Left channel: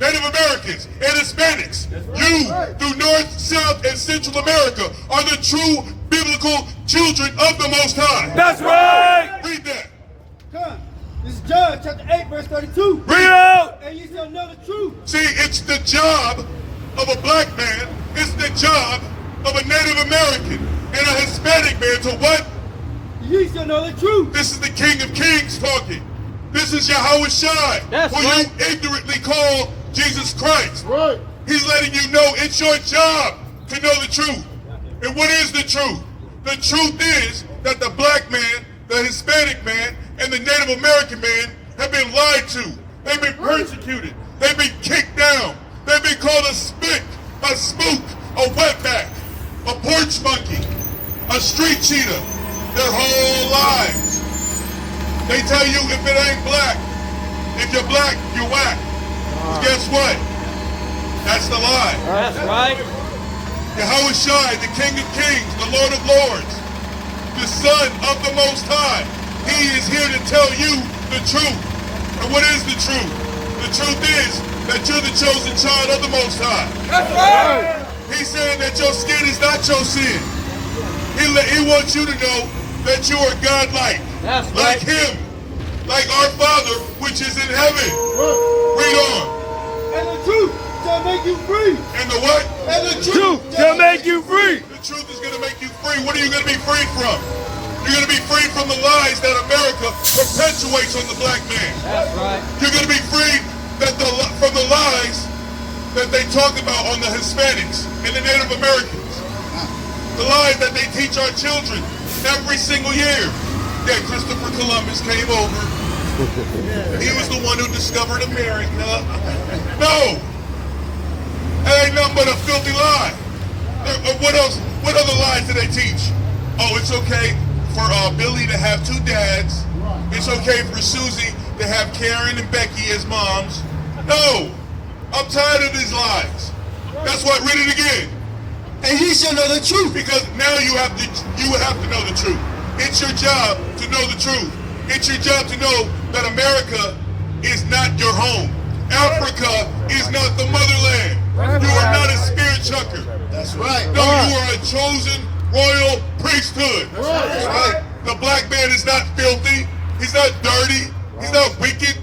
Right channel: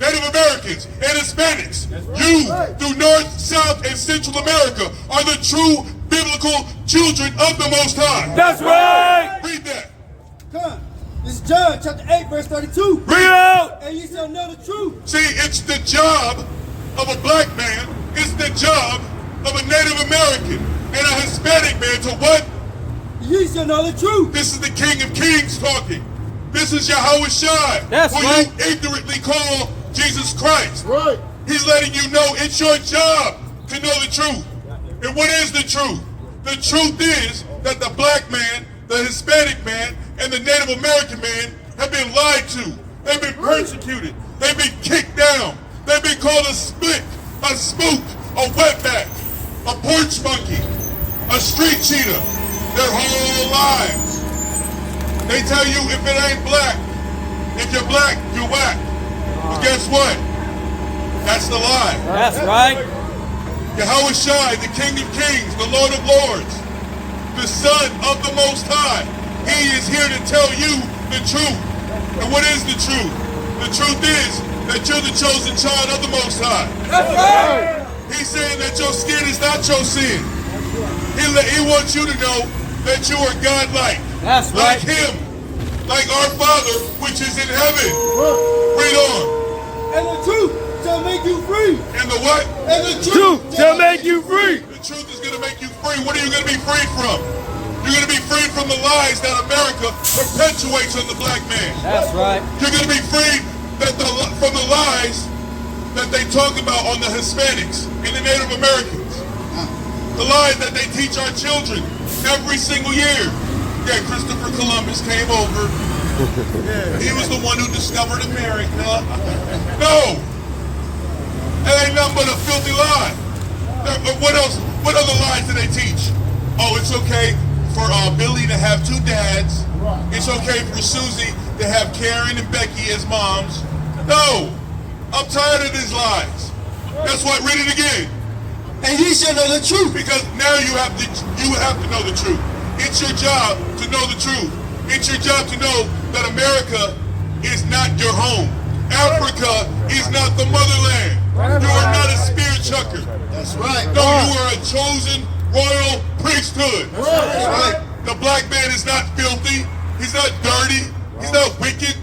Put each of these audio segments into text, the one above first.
Native Americans, and Hispanics. You, through North, South, and Central America, are the true biblical children of the Most High. That's right. Read that. John. This is John chapter 8, verse 32. Read out. And ye shall know the truth. See, it's the job of a black man, it's the job of a Native American and a Hispanic man to what? Ye shall know the truth. This is the King of Kings talking. This is Yasharahla, That's who right. you ignorantly call Jesus Christ. Right. He's letting you know it's your job to know the truth. And what is the truth? The truth is that the black man, the Hispanic man, and the Native American man have been lied to. They've been persecuted. They've been kicked down. They've been called a spick, a spook, a wetback, a porch monkey, a street cheetah their whole lives. They tell you if it ain't black, if you're black, you're whack. Well, guess what? That's the lie. That's right. Yahweh Shai, the King of Kings, the Lord of Lords, the Son of the Most High. He is here to tell you the truth. And what is the truth? The truth is that you're the chosen child of the Most High. That's right. He's saying that your skin is not your sin. He wants you to know that you are God-like. That's like right. Him. Like our Father, which is in heaven. Read on. And the truth shall make you free. And the what? And the Truth shall make you free. The truth is going to make you free. What are you going to be free from? You're going to be free from the lies that America perpetuates on the black man. That's right. You're going to be free from the lies that they talk about on the Hispanics and the Native Americans. The lies that they teach our children every single year. Yeah, Christopher Columbus came over. He was the one who discovered America. No! That ain't nothing but a filthy lie. What else? What other lies do they teach? Oh, it's okay for Billy to have two dads. It's okay for Susie to have Karen and Becky as moms. No! I'm tired of these lies. That's why, read it again. And ye shall know the truth. Because now you have to know the truth. It's your job to know the truth. It's your job to know that America is not your home. Africa is not the motherland. You are not a spirit chucker. That's right. No, you are a chosen royal priesthood. That's right. The black man is not filthy. He's not dirty. He's not wicked.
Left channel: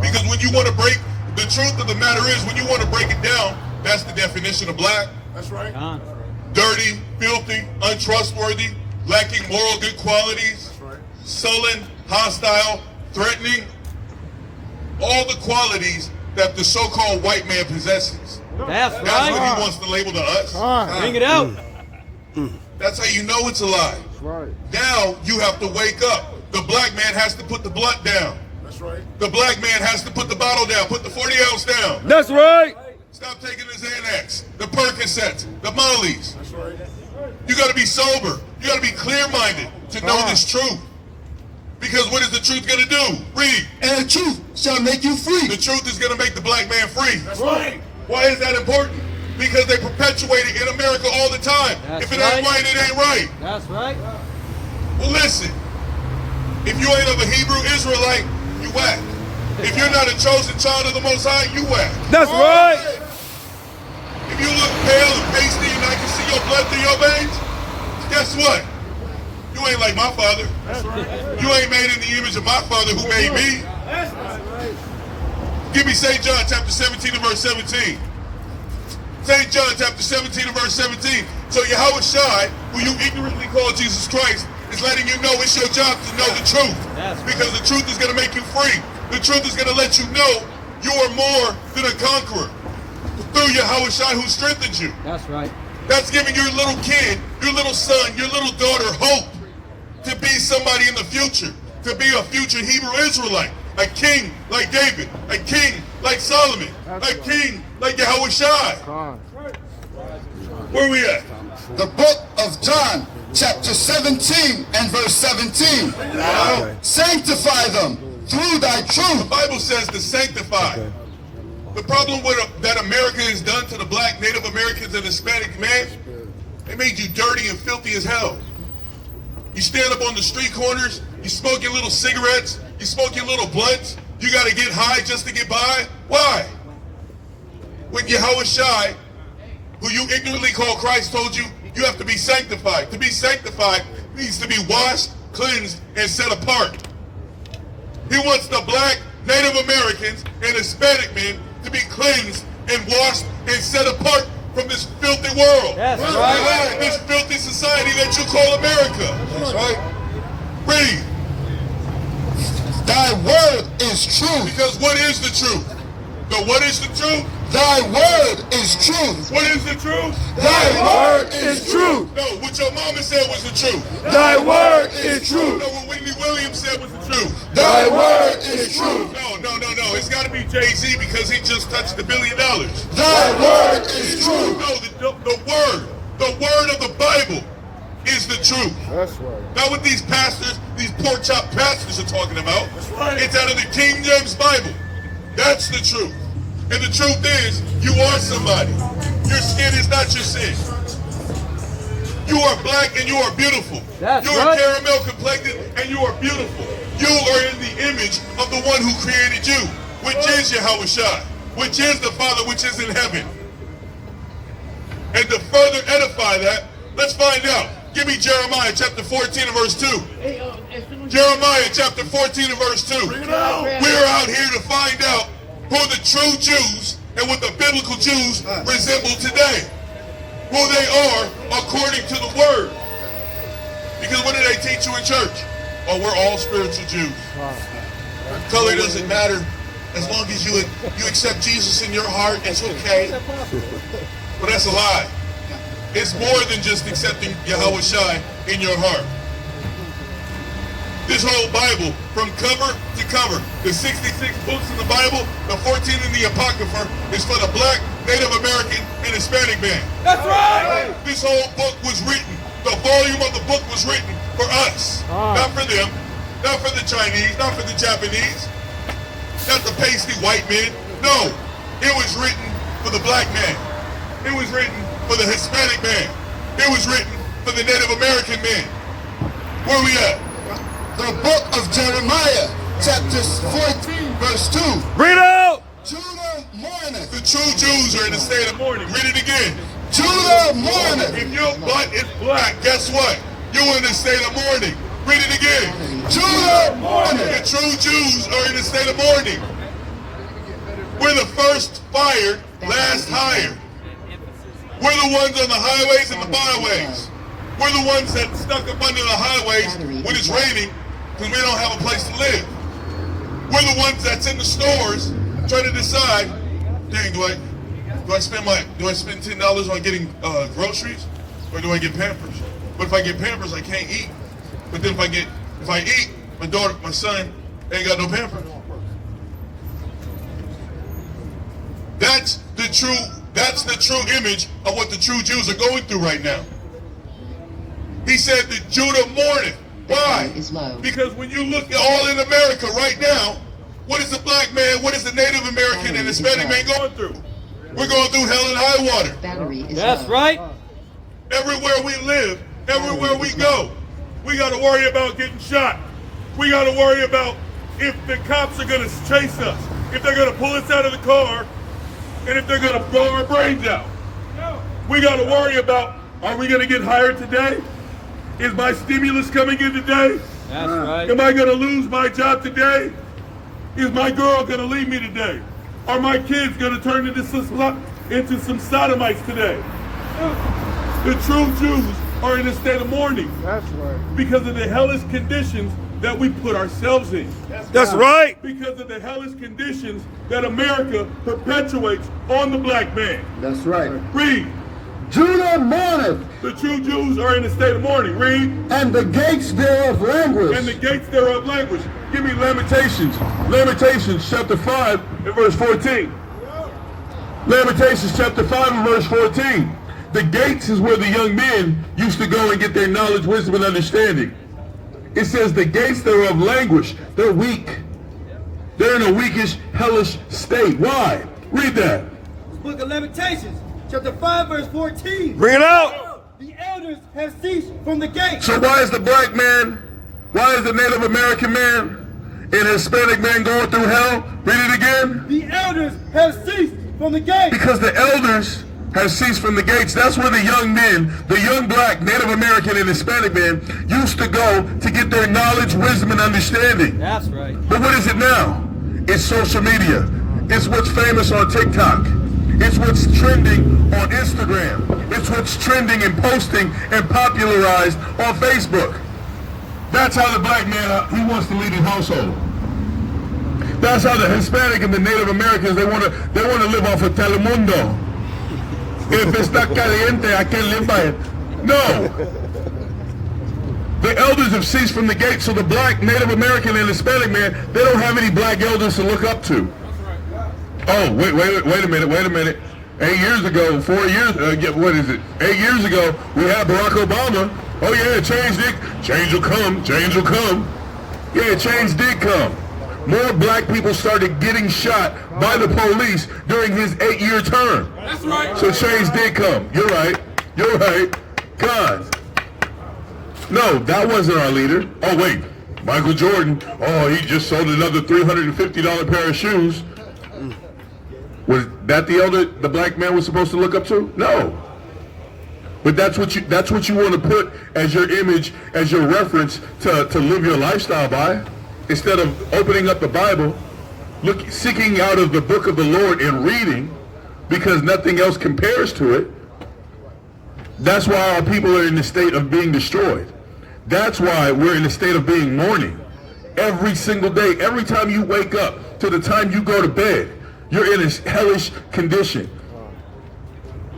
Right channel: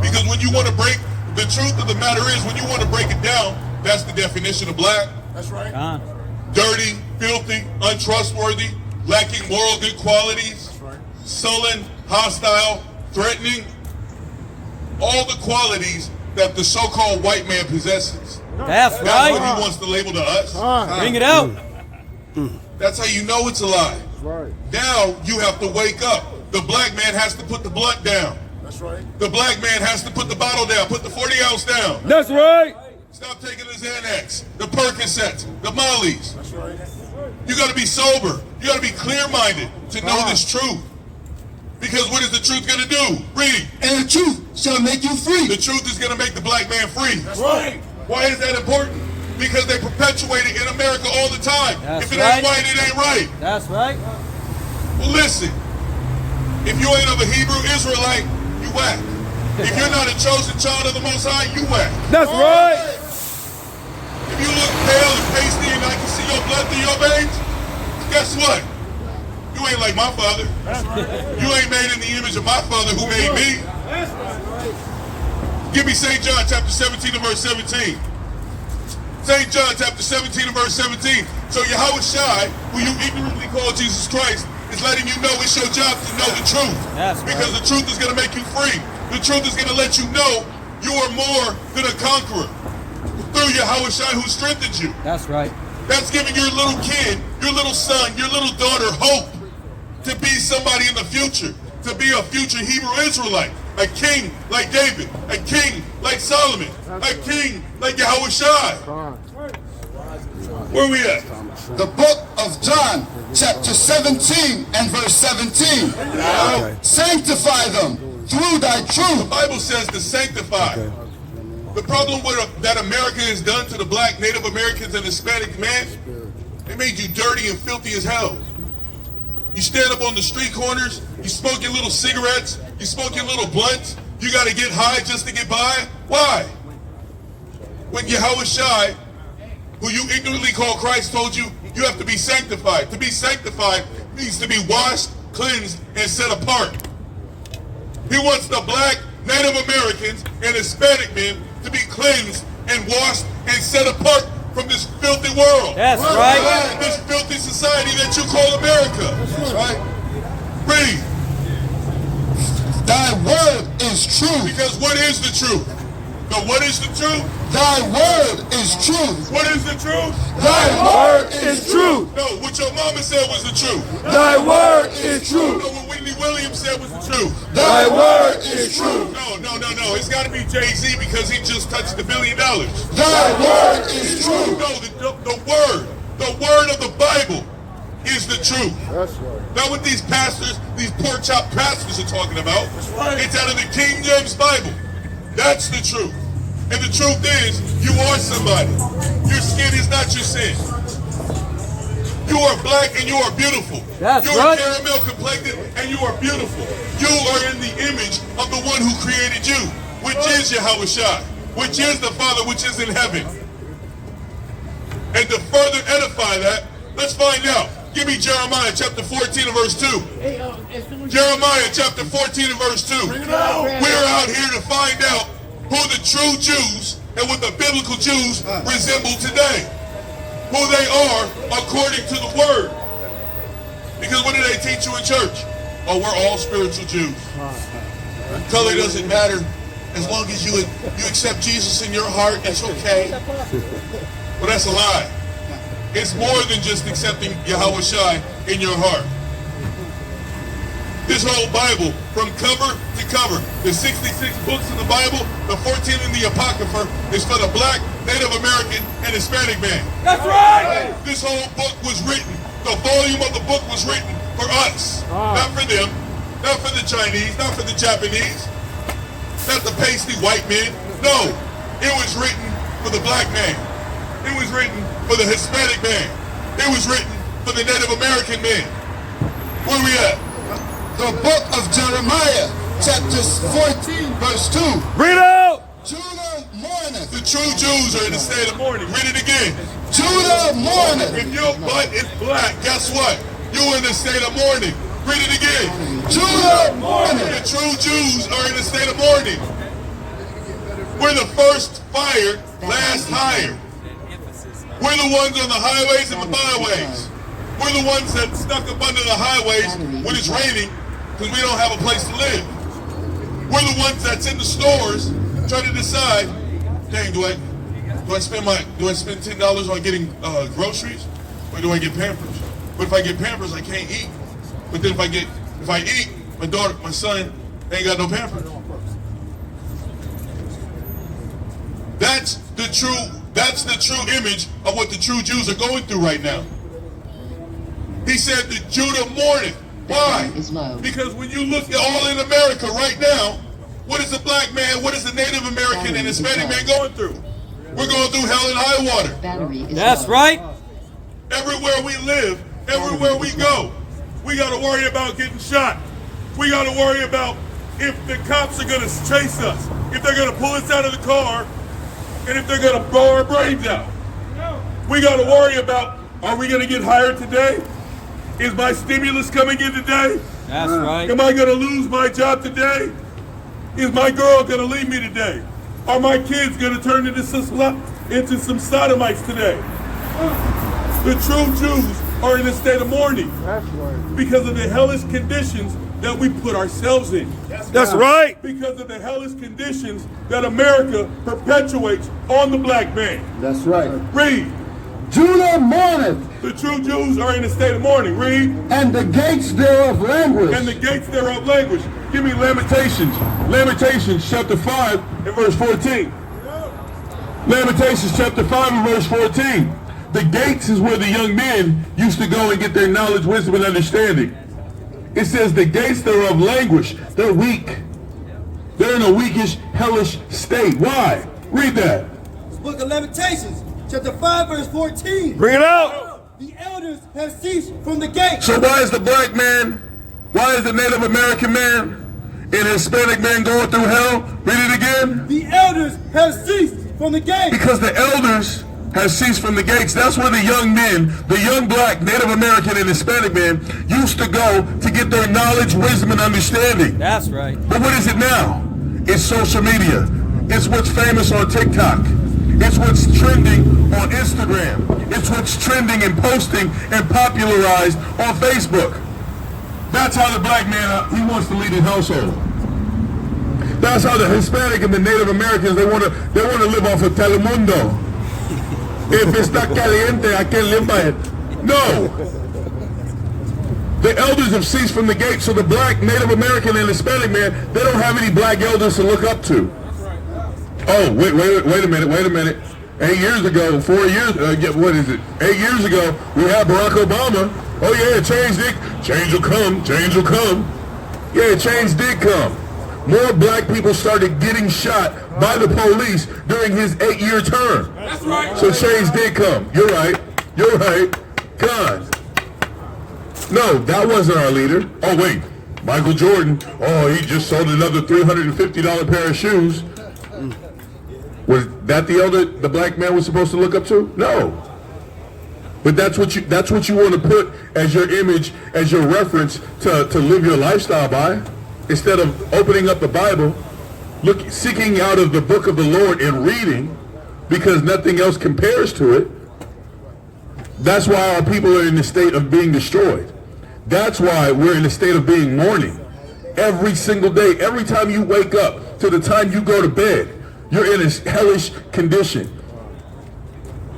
Because when you want to break, the truth of the matter is, when you want to break it down, that's the definition of black. That's right. Dirty, filthy, untrustworthy, lacking moral good qualities, sullen, hostile, threatening. All the qualities that the so-called white man possesses. That's That's right. what he wants to label to us. Bring it out. That's how you know it's a lie. Right. Now you have to wake up. The black man has to put the blunt down. That's right. The black man has to put the bottle down, put the 40 ounce down. That's right. Stop taking the Xanax, the Percocets, the Mollies. That's right. You got to be sober. You got to be clear-minded to know this truth. Because what is the truth going to do? Read. And the truth shall make you free. The truth is going to make the black man free. That's right. Why is that important? Because they perpetuate it in America all the time. That's if it ain't right. right, it ain't right. That's right. Well, listen. If you ain't of a Hebrew Israelite, you whack. If you're not a chosen child of the Most High, you whack. That's right. If you look pale and pasty and I can see your blood through your veins, guess what? You ain't like my father. You ain't made in the image of my father who made me. Give me St. John chapter 17 and verse 17. St. John chapter 17 and verse 17. So Yahweh Shai, who you ignorantly call Jesus Christ, is letting you know it's your job to know the truth. That's right. Because the truth is going to make you free. The truth is going to let you know you are more than a conqueror through Yahweh Shai who strengthens you. That's right. That's giving your little kid, your little son, your little daughter hope to be somebody in the future, to be a future Hebrew Israelite, a king like David, a king like Solomon, a king like Yahweh Shai. Where we at? The book of John, chapter 17 and verse 17. Sanctify them through thy The truth. Bible says to sanctify. The problem that America has done to the black, Native Americans, and Hispanic man, they made you dirty and filthy as hell. You stand up on the street corners, you smoke your little cigarettes, you smoke your little blunts, You got to get high just to get by? Why? When Yahushua, who you ignorantly call Christ, told you, you have to be sanctified. To be sanctified means to be washed, cleansed, and set apart. He wants the black, Native Americans, and Hispanic men to be cleansed and washed and set apart from this filthy world. That's right. This filthy society that you call America. That's right. Read. Thy word is true. Because what is the truth? But what is the truth? Thy word is truth. What is the truth? Thy Word is truth. No, what your mama said was the truth. Thy word is truth. No, what Whitney Williams said was the truth. Thy word is truth. No. It's got to be Jay-Z because he just touched $1 billion. Thy word is true. No, the word of the Bible is the truth. Not what these pastors, these pork chop pastors are talking about. It's out of the King James Bible. That's the truth. And the truth is, you are somebody. Your skin is not your sin. You are black and you are beautiful. That's you are right. caramel complected and you are beautiful. You are in the image of the one who created you, which is Yahushua, which is the Father which is in heaven. And to further edify that, let's find out. Give me Jeremiah chapter 14 and verse 2. Jeremiah chapter 14 and verse 2. We're out here to find out who the true Jews and what the biblical Jews resemble today. Who they are according to the word. Because what do they teach you in church? Oh, we're all spiritual Jews. Color doesn't matter. As long as you accept Jesus in your heart, it's okay. But that's a lie. It's more than just accepting Yahushua in your heart. This whole Bible, from cover to cover, the 66 books in the Bible, the 14 in the Apocrypha, is for the black, Native American, and Hispanic man. That's right. This whole book was written, the volume of the book was written for us. Not for them, not for the Chinese, not for the Japanese, not the pasty white men. No, it was written for the black man. It was written for the Hispanic man. It was written for the Native American man. Where we at? The book of Jeremiah, chapter 14, verse 2. Bring it out. Judah mourneth. The true Jews are in a state of mourning. Read it again. Judah mourneth. If your butt is black, guess what? You're in a state of mourning. Read it again. Judah mourneth. The true Jews are in a state of mourning. We're the first fired, last hired. We're the ones on the highways and the byways. We're the ones that stuck up under the highways when it's raining because we don't have a place to live. We're the ones that's in the stores trying to decide, dang, do I spend $10 on getting groceries, or do I get Pampers? But if I get Pampers, I can't eat. But then if I eat, my son ain't got no Pampers. That's the true image of what the true Jews are going through right now. He said that Judah mourneth. Why? Because when you look at all in America right now, what is the black man, what is the Native American and Hispanic man going through? We're going through hell and high water. That's right. Everywhere we live, everywhere we go, we got to worry about getting shot. We got to worry about if the cops are going to chase us, if they're going to pull us out of the car, and if they're going to blow our brains out. We got to worry about, are we going to get hired today? Is my stimulus coming in today? That's right. Am I going to lose my job today? Is my girl going to leave me today? Are my kids going to turn into some sodomites today? The true Jews are in a state of mourning. That's right. Because of the hellish conditions that we put ourselves in. That's right. Because of the hellish conditions that America perpetuates on the black man. That's right. Read. Judah mourneth, The true Jews are in a state of mourning. Read. and the gates thereof languish. And the gates thereof languish. Give me Lamentations. Lamentations chapter 5 and verse 14. Lamentations chapter 5 and verse 14. The gates is where the young men used to go and get their knowledge, wisdom, and understanding. It says the gates thereof languish. They're weak. They're in a weakish, hellish state. Why? Read that. The book of Lamentations, chapter 5, verse 14. Bring it out. The elders have ceased from the gate. So why is the black man, why is the Native American man and Hispanic men going through hell? Read it again. The elders have ceased from the gate. Because the elders have ceased from the gates. That's where the young men, the young black, Native American, and Hispanic men used to go to get their knowledge, wisdom, and understanding. That's right. But what is it now? It's social media. It's what's famous on TikTok. It's what's trending on Instagram. It's what's trending and posting and popularized on Facebook. That's how the black man, he wants to lead his household. That's how the Hispanic and the Native Americans, they want to live off of Telemundo. If está caliente, I can't live by it. No. The elders have ceased from the gate, so the black, Native American, and Hispanic man, they don't have any black elders to look up to. Oh, wait a minute. 8 years ago, 4 years, what is it? 8 years ago, we had Barack Obama. Oh yeah, change will come. Yeah, change did come. More black people started getting shot by the police during his 8-year term. That's right. So change did come. You're right. God. No, that wasn't our leader. Oh wait, Michael Jordan. Oh, he just sold another $350 pair of shoes. Was that the elder the black man was supposed to look up to? No. But that's what you want to put as your image, as your reference to live your lifestyle by. Instead of opening up the Bible, seeking out of the book of the Lord and reading, because nothing else compares to it. That's why our people are in the state of being destroyed. That's why we're in a state of being mourning. Every single day, every time you wake up to the time you go to bed, you're in a hellish condition.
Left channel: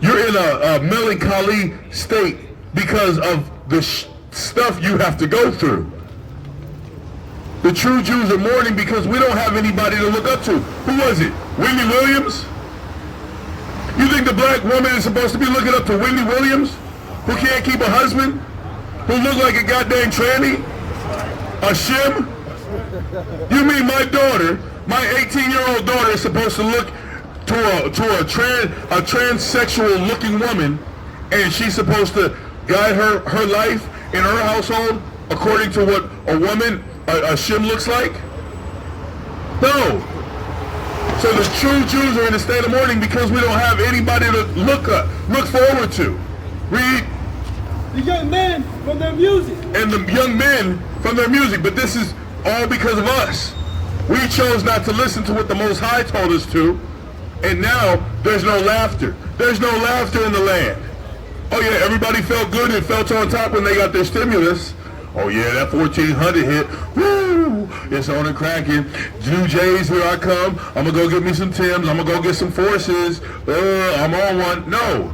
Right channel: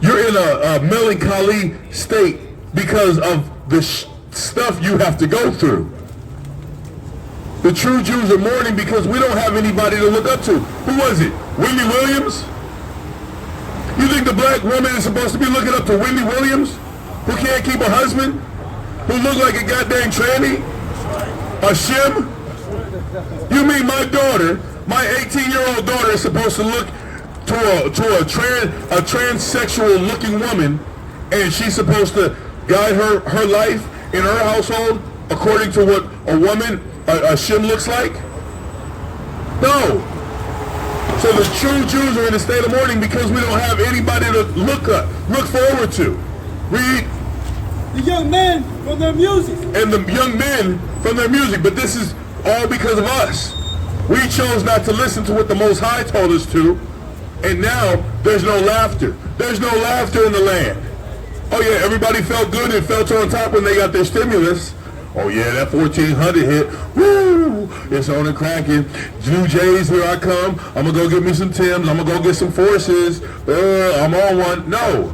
You're in a melancholy state because of the stuff you have to go through. The true Jews are mourning because we don't have anybody to look up to. Who was it? Wendy Williams? You think the black woman is supposed to be looking up to Wendy Williams? Who can't keep a husband? Who look like a goddamn tranny? A shim? You mean my daughter, my 18-year-old daughter is supposed to look to a transsexual looking woman, and she's supposed to guide her life in her household according to what a woman, a shim looks like? No. So the true Jews are in a state of mourning because we don't have anybody to look forward to. Read. The young men from their music. And the young men from their music, but this is all because of us. We chose not to listen to what the Most High told us to, and now there's no laughter. There's no laughter in the land. Oh yeah, everybody felt good and felt on top when they got their stimulus. Oh yeah, that 1400 hit. Woo! It's on and cracking. New Jays, here I come. I'm gonna go get me some Timbs. I'm gonna go get some Forces. I'm on one. No.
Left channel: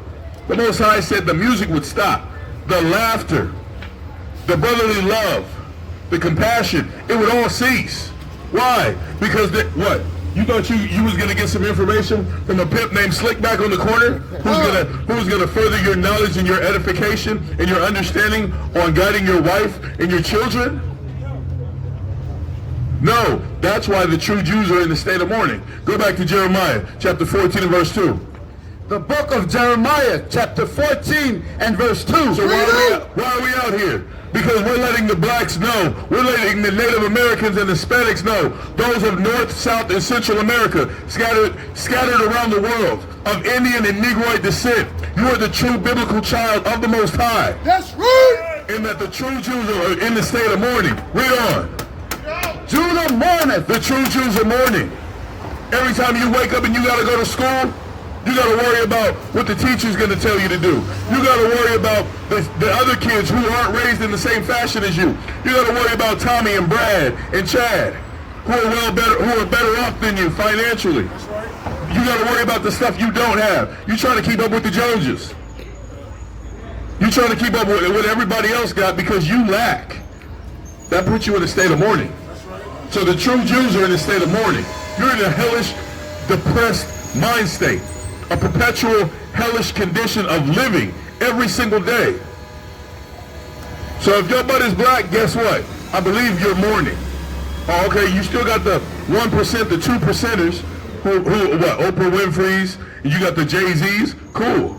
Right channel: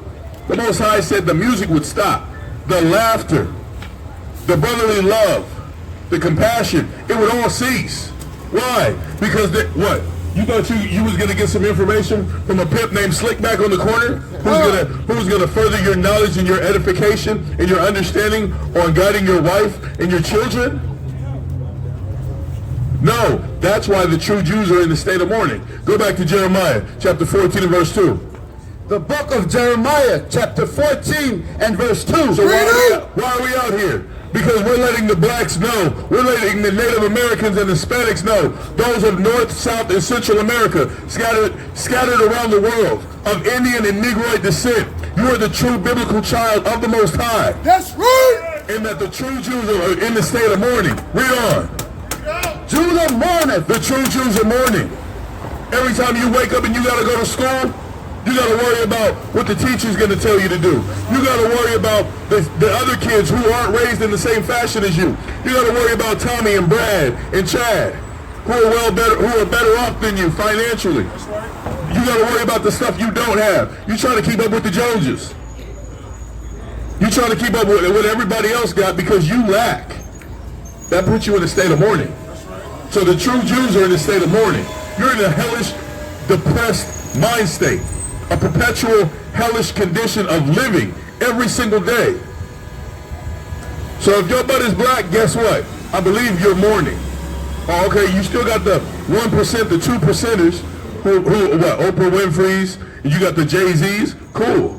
The Most High said the music would stop. The laughter, the brotherly love, the compassion, it would all cease. Why? Because what? You thought you was gonna get some information from a pimp named Slickback on the corner, who's gonna further your knowledge and your edification and your understanding on guiding your wife and your children? No, that's why the true Jews are in the state of mourning. Go back to Jeremiah chapter 14 and verse 2. The book of Jeremiah, chapter 14 and verse 2. So why are we out here? Because we're letting the blacks know, we're letting the Native Americans and Hispanics know, those of North, South, and Central America, scattered around the world, of Indian and Negroid descent, you are the true biblical child of the Most High. That's right. And that the true Jews are in the state of mourning. Read on. Judah mourneth. The true Jews are mourning. Every time you wake up and you got to go to school, you got to worry about what the teacher's going to tell you to do. You got to worry about the other kids who aren't raised in the same fashion as you. You got to worry about Tommy and Brad and Chad, who are better off than you financially. You got to worry about the stuff you don't have. You trying to keep up with the Joneses. You trying to keep up with what everybody else got because you lack. That puts you in a state of mourning. So the true Jews are in a state of mourning. You're in a hellish, depressed mind state. A perpetual hellish condition of living every single day. So if your butt is black, guess what? I believe you're mourning. Oh, okay, you still got the 1%, the 2%ers, who Oprah Winfrey's, and you got the Jay-Z's, cool.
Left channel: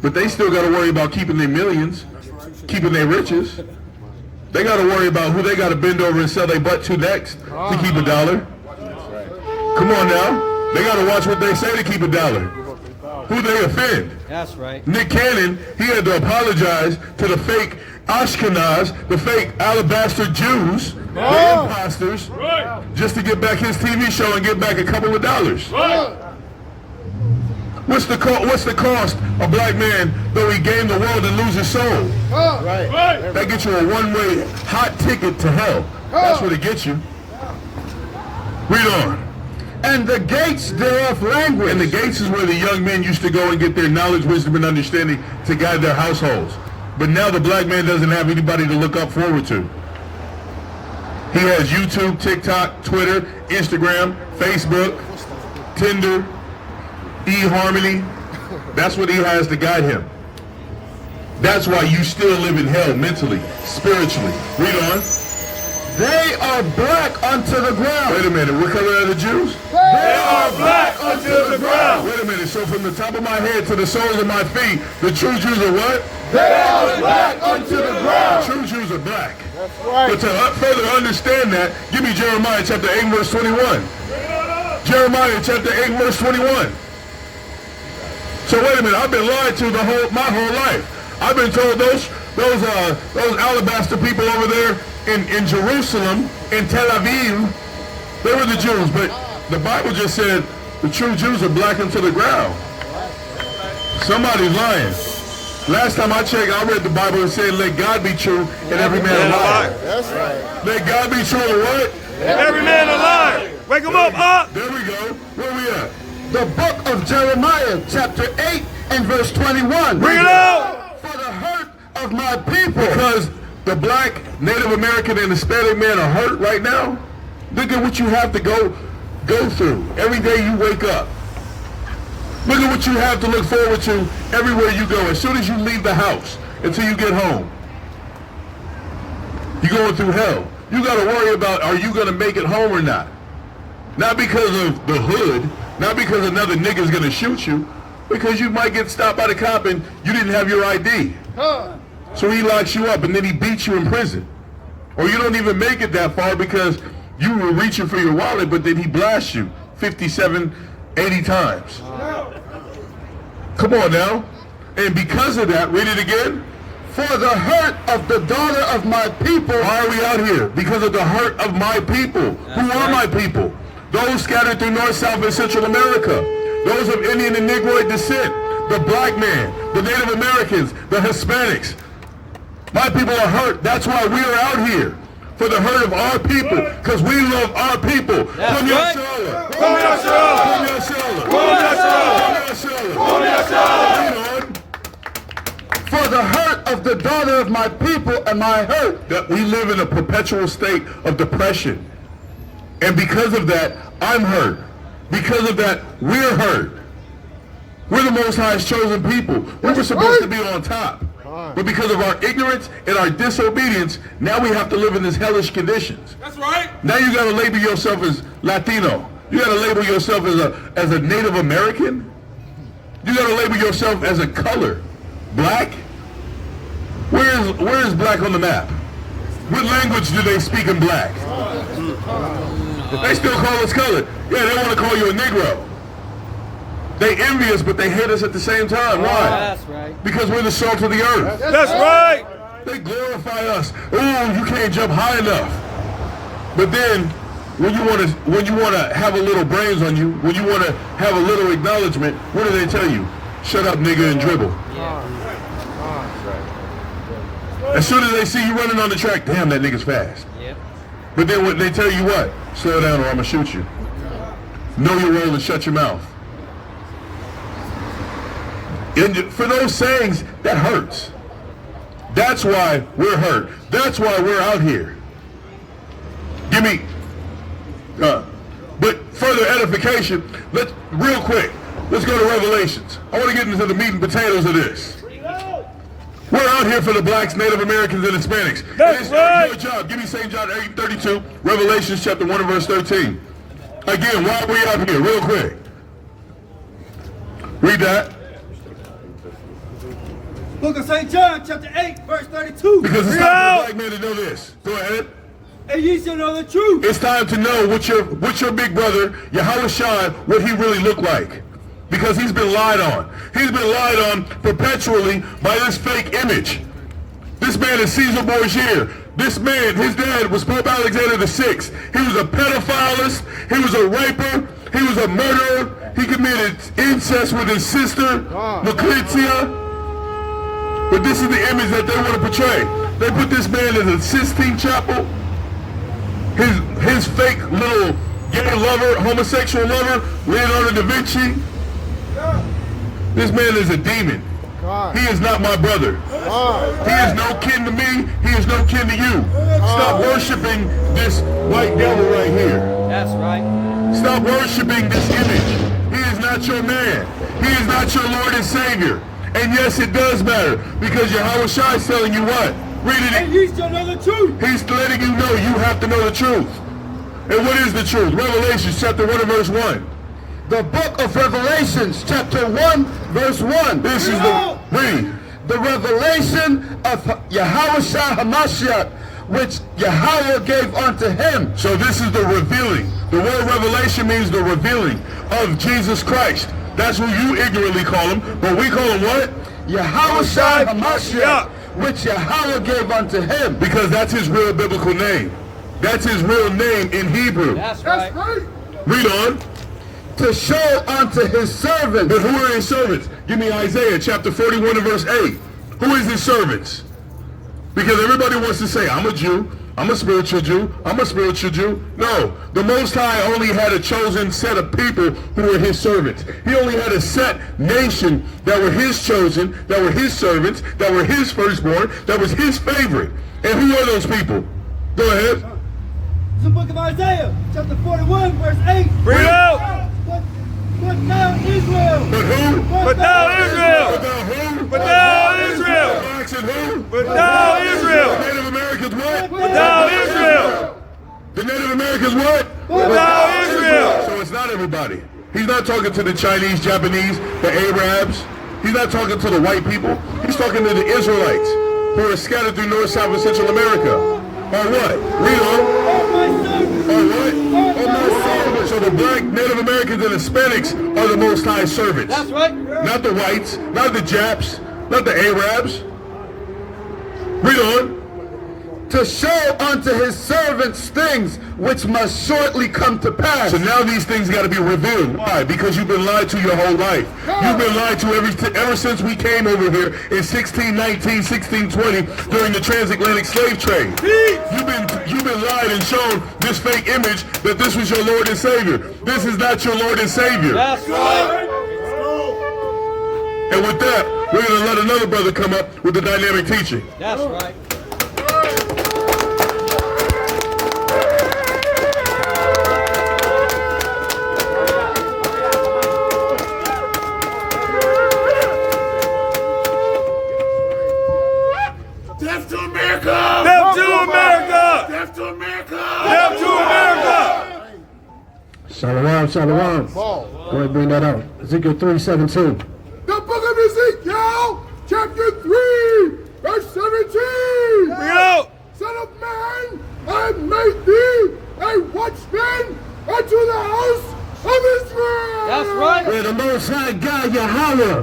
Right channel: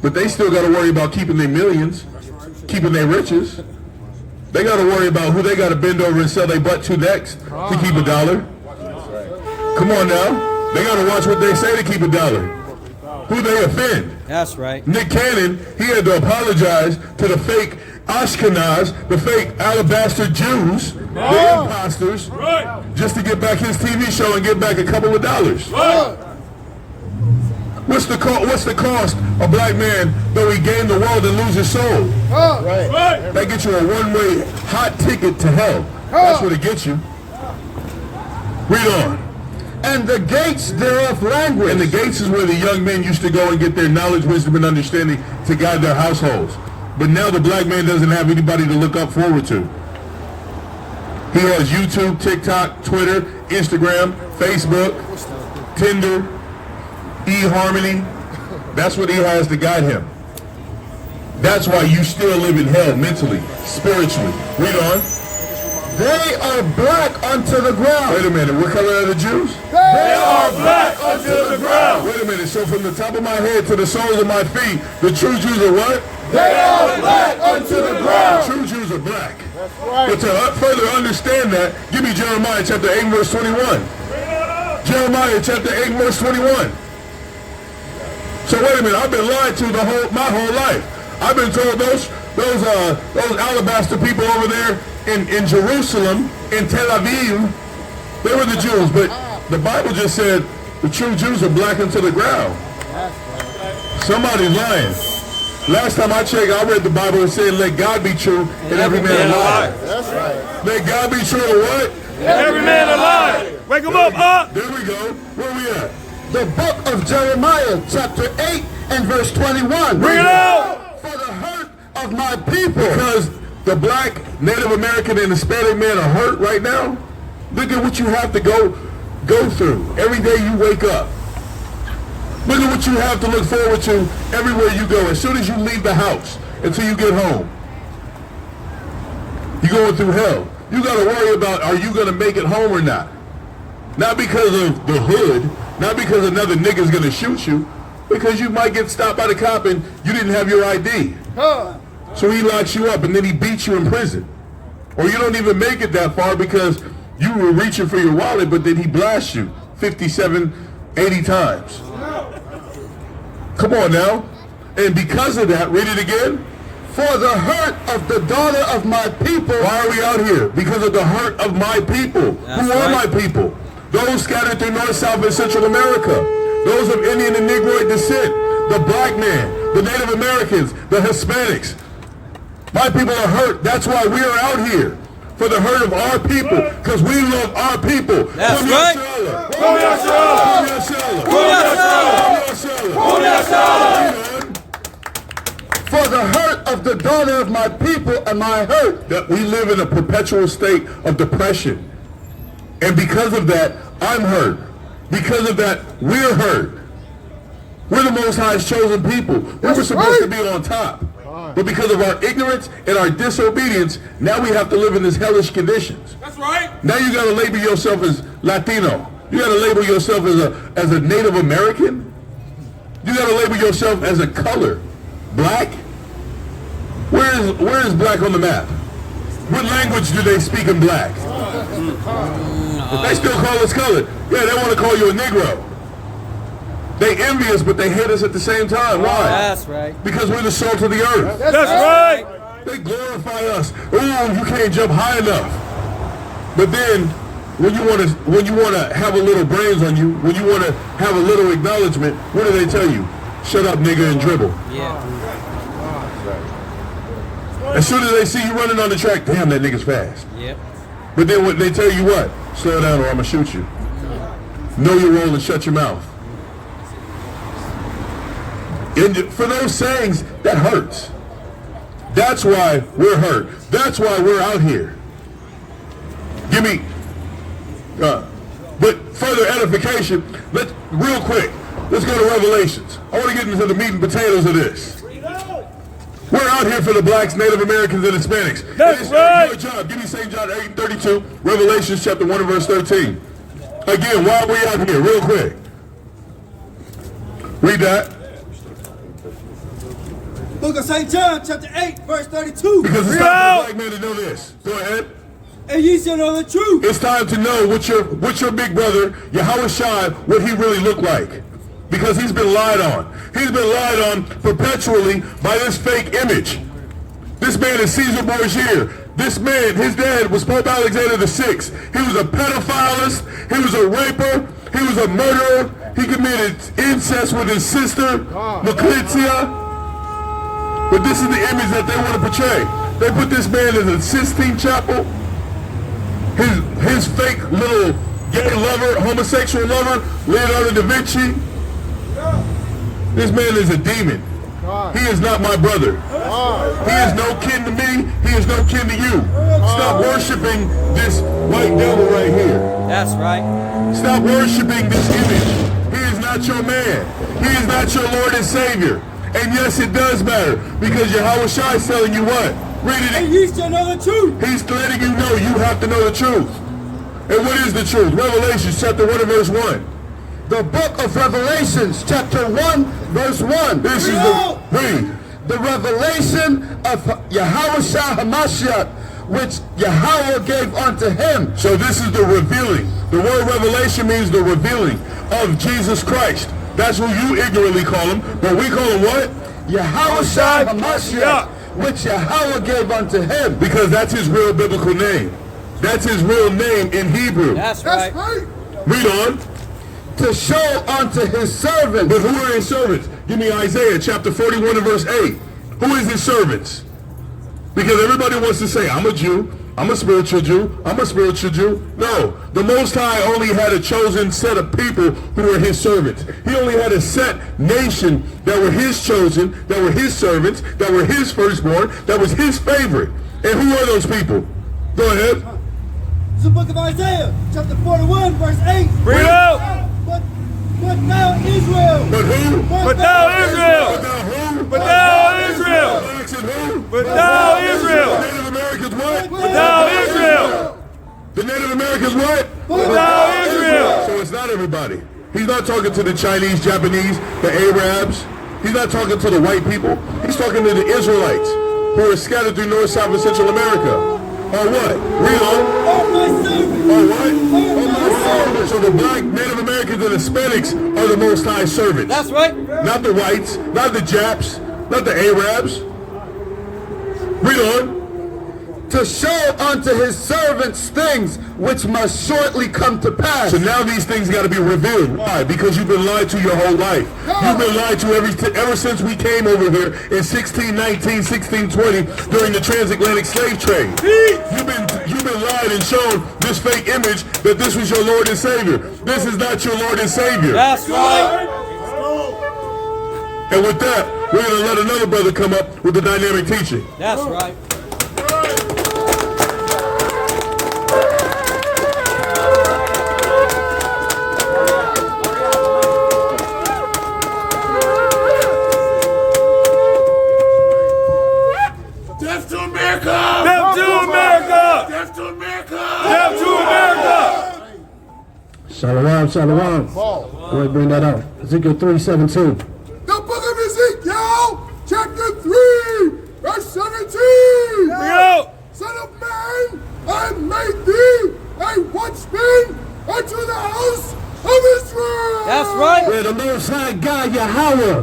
But they still got to worry about keeping their millions, keeping their riches. They got to worry about who they got to bend over and sell their butt to next to keep $1. Come on now. They got to watch what they say to keep $1. Who they offend. That's right. Nick Cannon, he had to apologize to the fake Ashkenaz, the fake alabaster Jews, the imposters, just to get back his TV show and get back a couple of dollars. What's the cost a black man though he gain the world and lose his soul? That gets you a one-way hot ticket to hell. That's what it gets you. Read on. And the gates thereof language. And the gates is where the young men used to go and get their knowledge, wisdom, and understanding to guide their households. But now the black man doesn't have anybody to look up forward to. He has YouTube, TikTok, Twitter, Instagram, Facebook, Tinder, eHarmony. That's what he has to guide him. That's why you still live in hell mentally, spiritually. Read on. They are black unto the ground. Wait a minute, what color are the Jews? They are black unto the ground. Wait a minute, so from the top of my head to the soles of my feet, the true Jews are what? They are black unto the ground. True Jews are black. But to further understand that, give me Jeremiah chapter 8 verse 21. Jeremiah chapter 8 verse 21. So wait a minute, I've been lied to my whole life. I've been told those alabaster people over there in Jerusalem, in Tel Aviv, they were the Jews, but the Bible just said the true Jews are black unto the ground. Somebody's lying. Last time I checked, I read the Bible and said, let God be true and every man a liar. Let God be true and what? Every man a liar. Wake him up, huh? There we go. Where we at? The book of Jeremiah, chapter 8 and verse 21. Bring it out. For the hurt of my people. Because the black, Native American, and Hispanic men are hurt right now. Look at what you have to go through every day you wake up. Look at what you have to look forward to everywhere you go. As soon as you leave the house until you get home, you're going through hell. You got to worry about, are you going to make it home or not? Not because of the hood, not because another nigga's going to shoot you, because you might get stopped by the cop and you didn't have your ID. So he locks you up and then he beats you in prison. Or you don't even make it that far because you were reaching for your wallet, but then he blasts you 57, 80 times. Come on now. And because of that, read it again. For the hurt of the daughter of my people. Why are we out here? Because of the hurt of my people. Who are my people? Those scattered through North, South, and Central America. Those of Indian and Negroid descent. The black man, the Native Americans, the Hispanics. My people are hurt. That's why we are out here. For the hurt of our people. Because we love our people. That's right. Yasharahla. Yasharahla. For the hurt of the daughter of my people and my hurt. That we live in a perpetual state of depression. And because of that, I'm hurt. Because of that, we're hurt. We're the Most High's chosen people. We were supposed to be on top. But because of our ignorance and our disobedience, now we have to live in these hellish conditions. That's right. Now you got to label yourself as Latino. You got to label yourself as a Native American. You got to label yourself as a color. Black? Where is black on the map? What language do they speak in black? They still call us colored. Yeah, they want to call you a Negro. They envy us, but they hate us at the same time. Why? That's right. Because we're the salt of the earth. That's right. They glorify us. Ooh, you can't jump high enough. But then, when you want to have a little brains on you, when you want to have a little acknowledgement, what do they tell you? Shut up, nigga, and dribble. Yeah. As soon as they see you running on the track, damn, that nigga's fast. Yep. But then what they tell you what? Slow down or I'm gonna shoot you. Know your role and shut your mouth. And for those sayings, that hurts. That's why we're hurt. That's why we're out here. Give me, but further edification, real quick, let's go to Revelations. I want to get into the meat and potatoes of this. We're out here for the blacks, Native Americans, and Hispanics. That's right. Good job. Give me St. John 8:32, Revelations chapter 1 and verse 13. Again, why are we out here? Real quick. Read that. Book of St. John, chapter 8, verse 32. Because it's Read time out. for a black man to know this. Go ahead. And ye shall know the truth. It's time to know what your big brother, Yahushua, what he really looked like. Because he's been lied on. He's been lied on perpetually by this fake image. This man is Caesar Borgia. This man, his dad was Pope Alexander VI. He was a pedophilist. He was a raper. He was a murderer. He committed incest with his sister, Lucretia. But this is the image that they want to portray. They put this man in the Sistine Chapel. His fake little gay lover, homosexual lover, Leonardo da Vinci. This man is a demon. He is not my brother. He is no kin to me. He is no kin to you. Stop worshiping this white devil right here. That's right. Stop worshiping this image. He is not your man. He is not your Lord and Savior. And yes, it does matter, because Yahushua is telling you what? Read And it. ye shall know the truth. He's letting you know you have to know the truth. And what is the truth? Revelation chapter 1 and verse 1. The book of Revelations, chapter 1, verse 1. This is the read. The revelation of Yahushua HaMashiach, which Yahweh gave unto him. So this is the revealing. The word revelation means the revealing of Jesus Christ. That's who you ignorantly call him. But we call him what? Yahushua HaMashiach, which Yahweh gave unto him. Because that's his real biblical name. That's his real name in Hebrew. That's right. Read on. To show unto his servants. But who are his servants? Give me Isaiah chapter 41 and verse 8. Who is his servants? Because everybody wants to say, I'm a Jew, I'm a spiritual Jew, I'm a spiritual Jew. No, the Most High only had a chosen set of people who were his servants. He only had a set nation that were his chosen, that were his servants, that were his firstborn, that was his favorite. And who are those people? Go ahead. It's the book of Isaiah, chapter 41, verse 8. Read out. But thou Israel. But who? But thou Israel. But thou who? But thou Israel. Blacks and who? But thou Israel. Native Americans what? But thou Israel. The Native Americans what? But thou Israel. So it's not everybody. He's not talking to the Chinese, Japanese, the Arabs. He's not talking to the white people. He's talking to the Israelites who are scattered through North, South, and Central America. Or what? Read on. Or what? So the black, Native Americans, and Hispanics are the Most High servants. That's right. Not the whites, not the Japs, not the Arabs. Read on. To show unto his servants things which must shortly come to pass. So now these things got to be revealed. Why? Because you've been lied to your whole life. You've been lied to ever since we came over here in 1619, 1620 during the transatlantic slave trade. You've been lied and shown this fake image that this was your Lord and Savior. This is not your Lord and Savior. That's right. And with that, we're going to let another brother come up with the dynamic teaching. That's right. Death to America. Death to America. Death to America. Death to America. Shalom, shalom. Go ahead, bring that out. Ezekiel 3:17. The book of Ezekiel, chapter 3, verse 17. Bring it out. Son of man, I made thee a watchman unto the house of Israel. That's right. Yeah, the Most High God, Yahweh,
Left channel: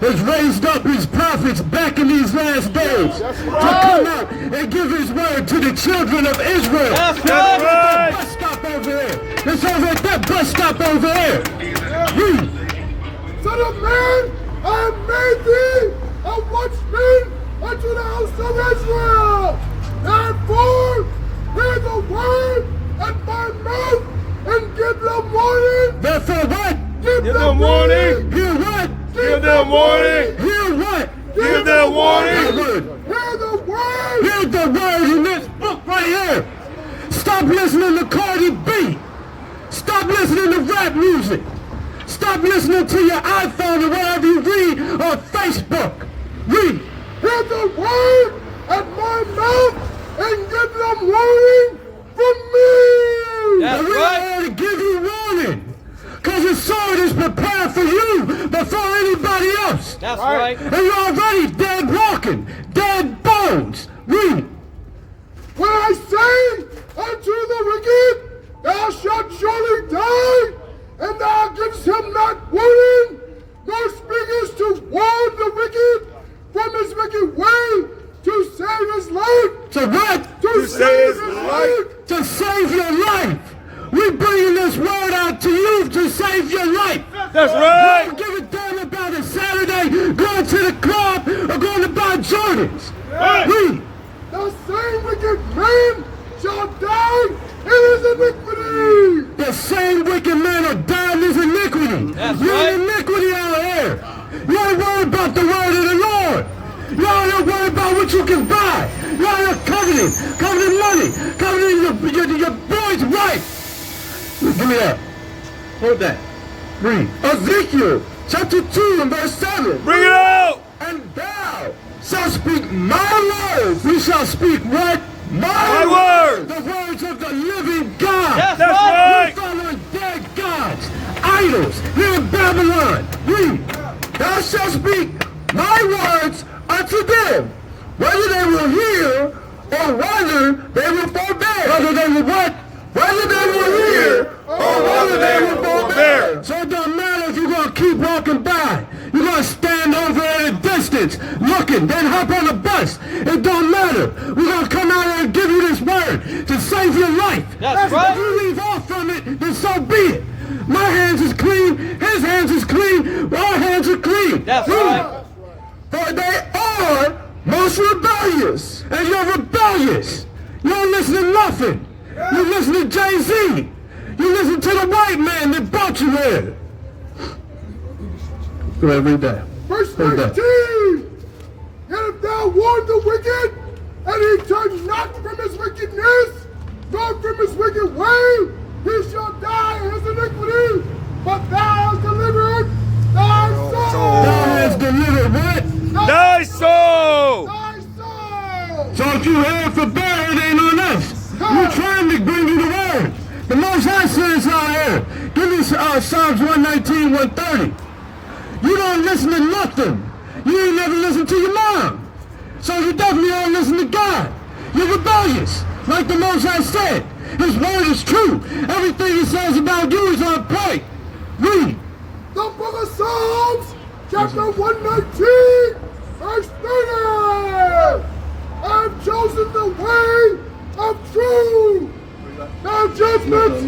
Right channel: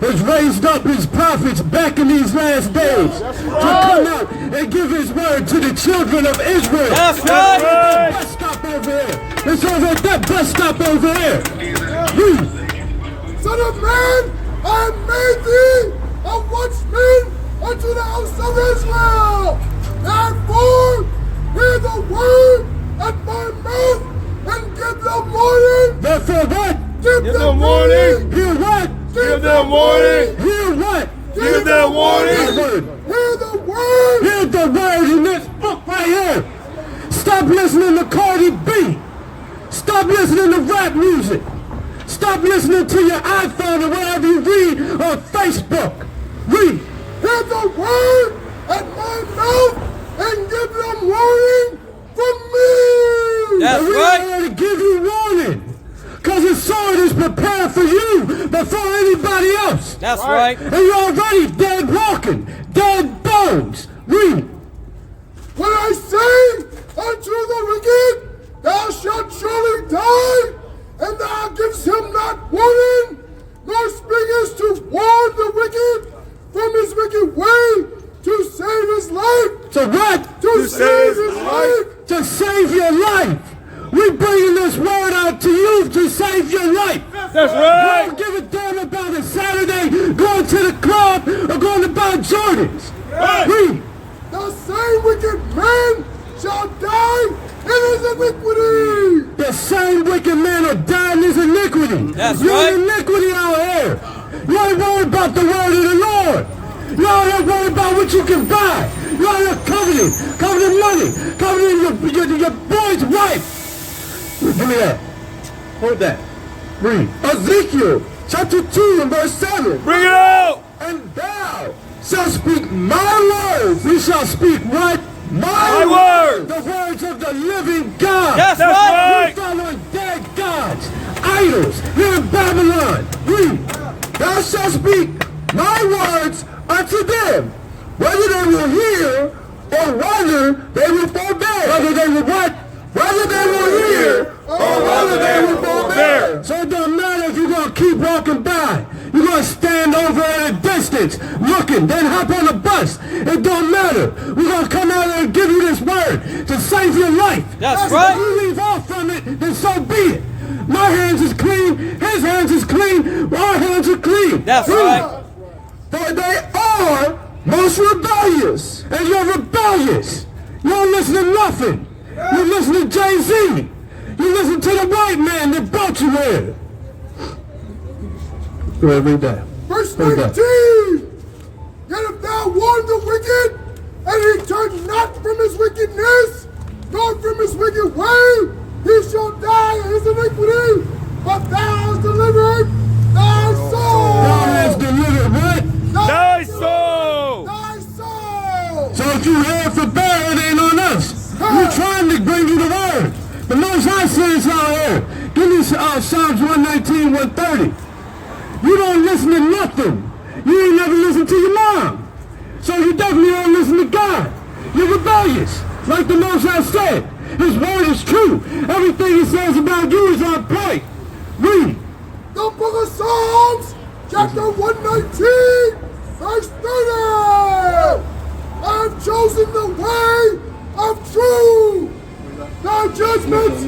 has raised up his prophets back in these last days to come out and give his word to the children of Israel. That's That's right. right. Bus stop over there. It's over at that bus stop over there. Read. Son of man, I made thee a watchman unto the house of Israel. Therefore, hear the word at my mouth and give them warning. Therefore what? Give them them warning. Hear what? Give them warning. Hear what? Give them warning. Word. Hear the word. Hear the word in this book right here. Stop listening to Cardi B. Stop listening to rap music. Stop listening to your iPhone or whatever you read on Facebook. Read. Hear the word at my mouth and give them warning from me. That's And we're right. here to give you warning. Because the sword is prepared for you, but before anybody else. That's right. And you're already dead walking, dead bones. Read. When I say unto the wicked, thou shalt surely die, and thou givest him not warning, nor speakest to warn the wicked from his wicked way, to save his life. So what? To save his life. To save your life. We bringing this word out to you to save your life. That's right. Don't give a damn about a Saturday going to the club or going to buy Jordans. Right. Read. The same wicked man shall die in his iniquity. The same wicked man will die in his iniquity. That's You're right. in iniquity out here. You ain't worried about the word of the Lord. You ain't worried about what you can buy. You ain't coveting money, coveting your boy's wife. Give me that. Hold that. Read. Ezekiel chapter 2 and verse 7. Bring it out. And thou shalt speak my words. You shall speak what? My words. The words of the living God. Yes, That's right. You're following dead gods, idols, here in Babylon. Read. Thou shalt speak my words unto them, whether they will hear or whether they will forbear. Whether they will what? Whether they will hear or whether they will forbear. So it don't matter if you're going to keep walking by. You're going to stand over at a distance, looking, then hop on the bus. It don't matter. We're going to come out here and give you this word to save your life. That's right. If you leave off from it, then so be it. My hands is clean. His hands is clean. Our hands are clean. That's right. For they are most rebellious. And you're rebellious. You don't listen to nothing. You listen to Jay-Z. You listen to the white man that brought you here. Go ahead, read that. Verse Read 19. that. Yet if thou warn the wicked, and he turn not from his wickedness, nor from his wicked way, he shall die in his iniquity, but thou hast delivered thy soul. Thou hast delivered what? Thy soul. Thy soul. So if you heard for bad, it ain't on us. We're trying to bring you the word. The Most High says out here. Give me Psalms 119, 130. You don't listen to nothing. You ain't never listened to your mom. So you definitely don't listen to God. You're rebellious. Like the Most High said. His word is true. Everything he says about you is on point. Read. The book of Psalms, chapter 119, verse 30. I have chosen the way of truth. Thy judgments.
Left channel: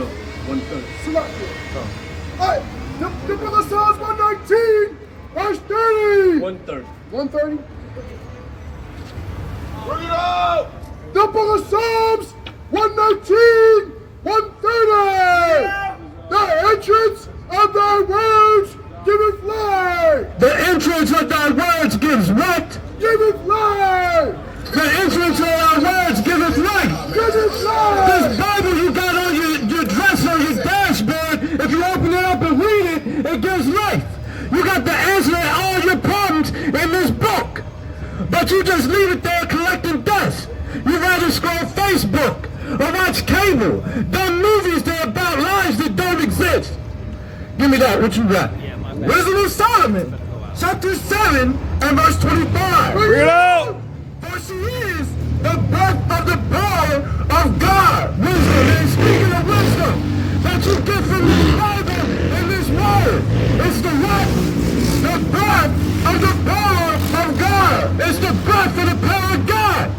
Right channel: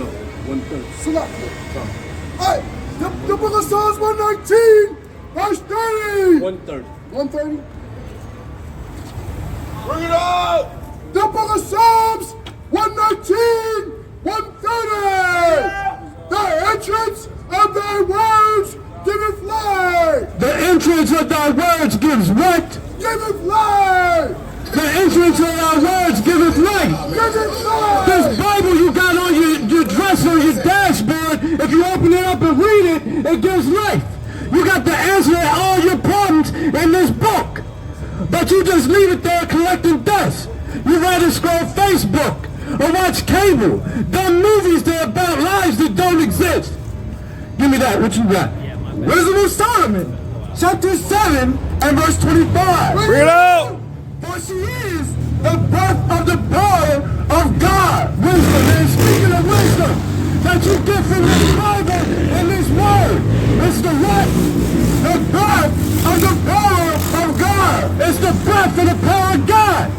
The book of Psalms 119, verse 30. 130. 130. Bring it out. The book of Psalms 119, 130. The entrance of thy words giveth life. The entrance of thy words gives what? Giveth life. The entrance of thy words giveth life. Giveth life. This Bible you got on your dresser, on your dashboard, if you open it up and read it, it gives life. You got the answer to all your problems in this book. But you just leave it there collecting dust. You rather scroll Facebook or watch cable, dumb movies that are about lives that don't exist. Give me that, what you got? Wisdom of Solomon, chapter 7 and verse 25. Bring it out. For she is the breath of the power of God. Wisdom, and speaking of wisdom that you get from this Bible and this word, it's the what? The breath of the power of God. It's the breath of the power of God.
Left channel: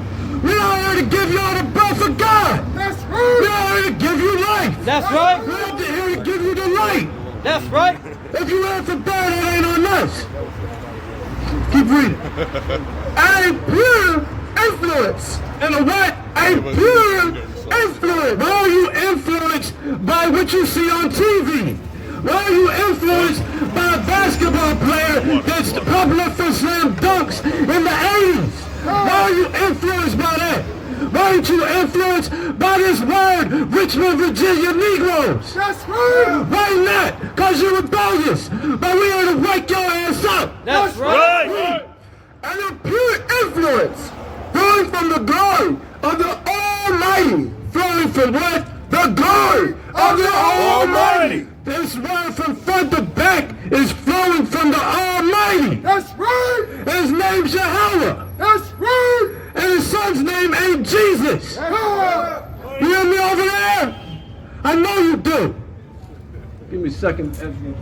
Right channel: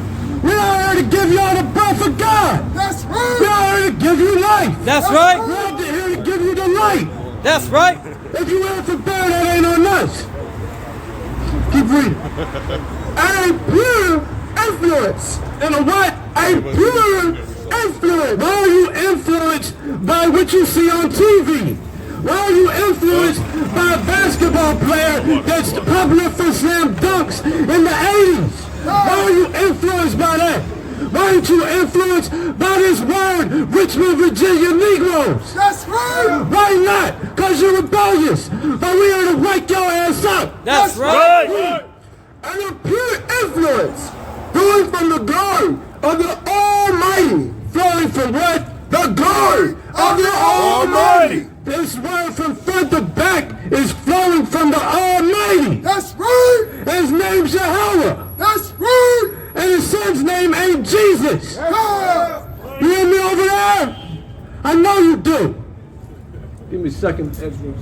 We're out here to give y'all the breath of God. That's We're right. out here to give you life. That's right. We're out here to give you the light. That's right. If you ain't for bad, it ain't on us. Keep reading. And pure influence. And a what? A pure influence. Why are you influenced by what you see on TV? Why are you influenced by a basketball player that's popular for slam dunks in the 80s? Why are you influenced by that? Why aren't you influenced by this word, Richmond, Virginia Negroes? That's right. Why not? Because you're rebellious. But we here to wake your ass up. That's right. Right. And a pure influence flowing from the glory of the Almighty. Flowing from what? The glory of the Almighty. This word from front to back is flowing from the Almighty. That's right. And his name's Yasharahla. That's right. And his son's name ain't Jesus. Yeah. You hear me over there? I know you do. Give me a second, Ezra.